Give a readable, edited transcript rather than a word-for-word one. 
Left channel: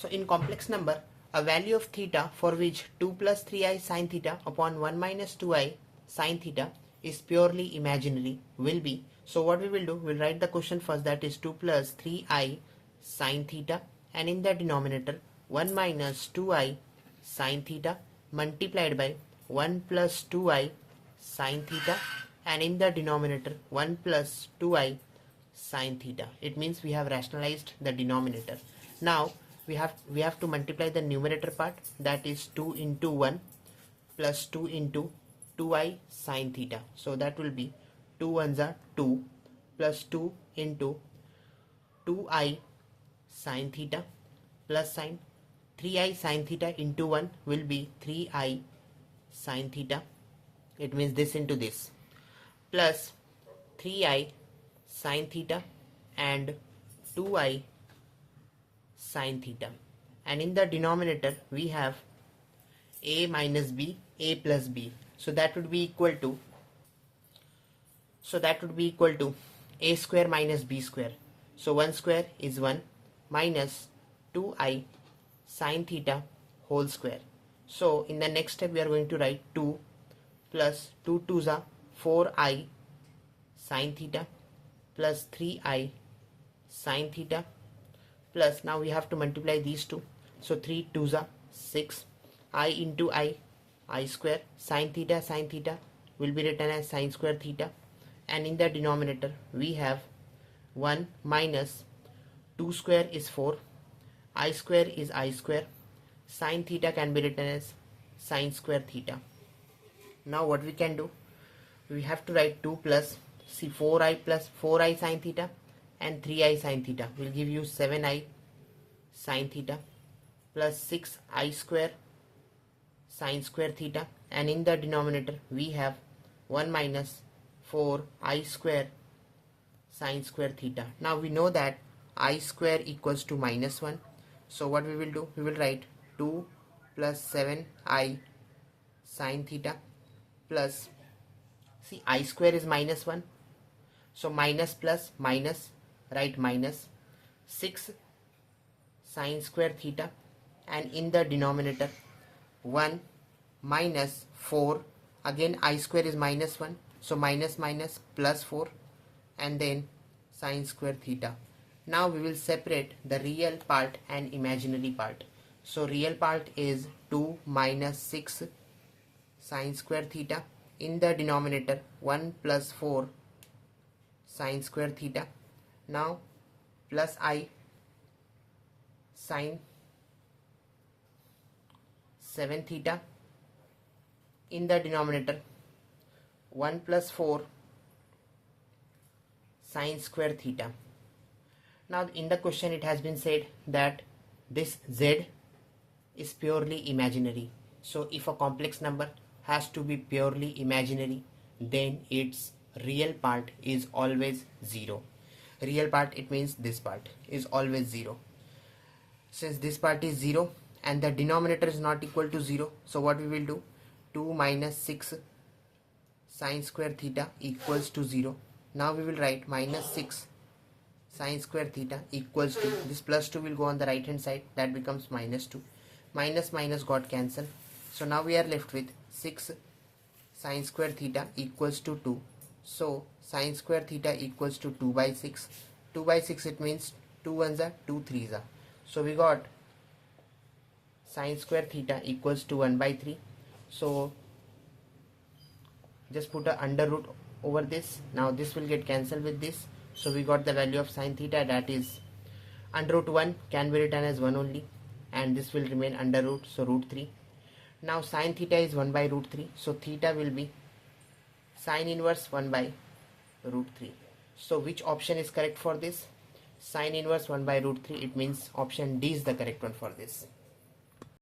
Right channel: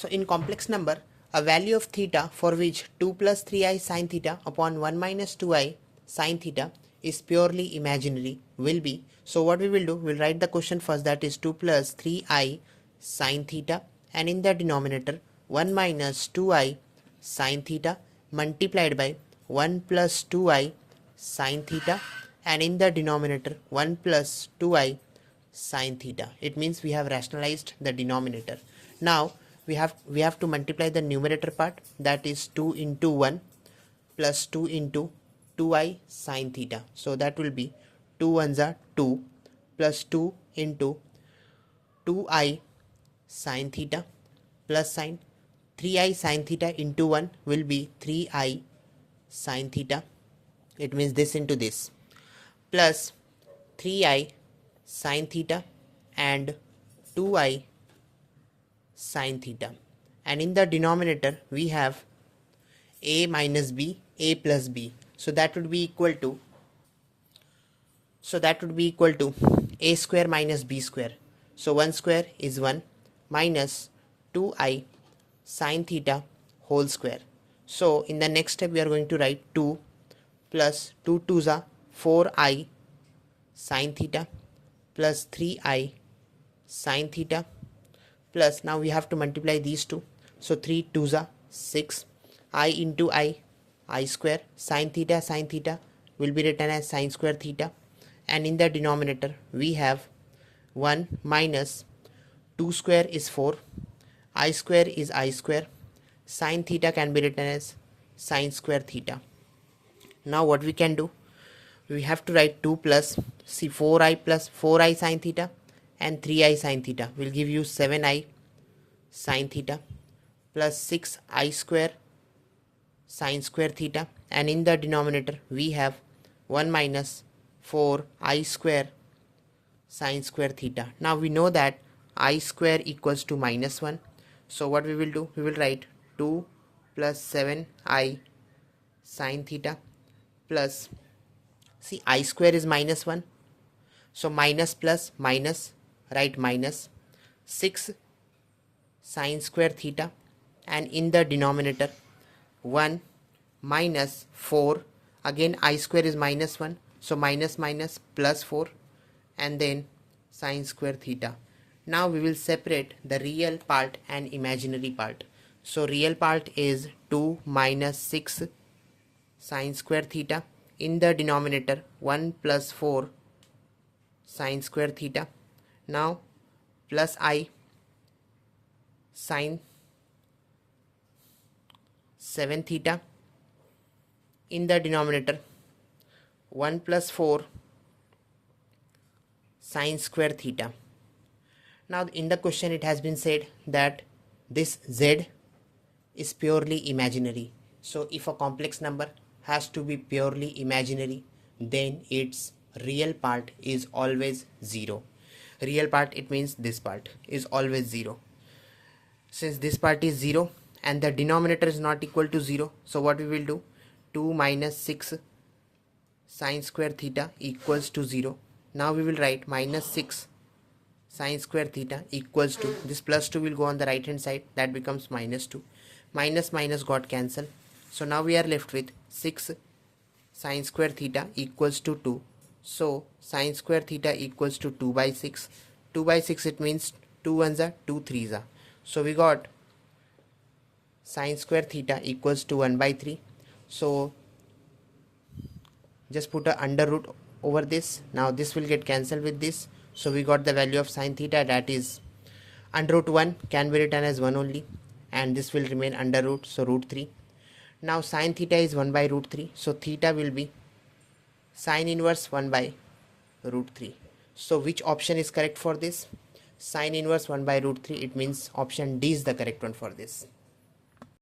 So in complex number, a value of theta for which 2 plus 3i sin theta upon 1 minus 2i sin theta is purely imaginary will be. So what we will do, we'll write the question first, that is 2 plus 3i sin theta, and in the denominator 1 minus 2i sin theta multiplied by 1 plus 2i sin theta, and in the denominator 1 plus 2i sin theta. It means we have rationalized the denominator. Now we have to multiply the numerator part, that is 2 into 1 plus 2 into 2i sin theta. So that will be 2 ones are 2 plus 2 into 2i sin theta plus sin 3i sin theta into 1 will be 3i sin theta. It means this into this, plus 3i sin theta and 2i sin theta, and in the denominator we have a minus b, a plus b. So that would be equal to a square minus b square. So 1 square is 1 minus 2i sin theta whole square. So in the next step we are going to write 2 plus 2 2s are 4i sin theta plus 3i sin theta, plus now we have to multiply these two. So 3 2s are 6, I into I square, sin theta will be written as sin square theta, and in the denominator we have 1 minus 2 square is 4, I square is I square, sin theta can be written as sin square theta. Now what we can do, we have to write 2 plus 4i plus 4i sin theta and 3i sin theta will give you 7i sin theta plus 6i square sin square theta, and in the denominator we have 1 minus 4i square sin square theta. Now we know that I square equals to minus 1. So what we will do, we will write 2 plus 7i sin theta plus, see I square is minus 1, so minus plus minus, write minus 6 sin square theta, and in the denominator 1 minus 4, again I square is minus 1, so minus minus plus 4, and then sin square theta. Now we will separate the real part and imaginary part. So real part is 2 minus 6 sin square theta, in the denominator 1 plus 4 sin square theta, now plus I sin 7 theta, in the denominator 1 plus 4 sin square theta. Now in the question it has been said that this z is purely imaginary. So if a complex number has to be purely imaginary, then its real part is always 0. Real part, it means this part is always 0. Since this part is 0 and the denominator is not equal to 0, so what we will do, 2 minus 6 sin square theta equals to 0. Now we will write minus 6 sin square theta equals to, this plus 2 will go on the right hand side, that becomes minus 2. Minus minus got cancelled. So now we are left with 6 sin square theta equals to 2. So sin square theta equals to 2 by 6. 2 by 6, it means 2 ones are 2 threes are. So we got sin square theta equals to 1 by 3. So just put a under root over this. Now this will get cancelled with this. So we got the value of sin theta, that is under root 1 can be written as 1 only, and this will remain under root, so root 3. Now sin theta is 1 by root 3, so theta will be sin inverse 1 by root 3. So which option is correct for this? Sin inverse 1 by root 3, it means option D is the correct one for this.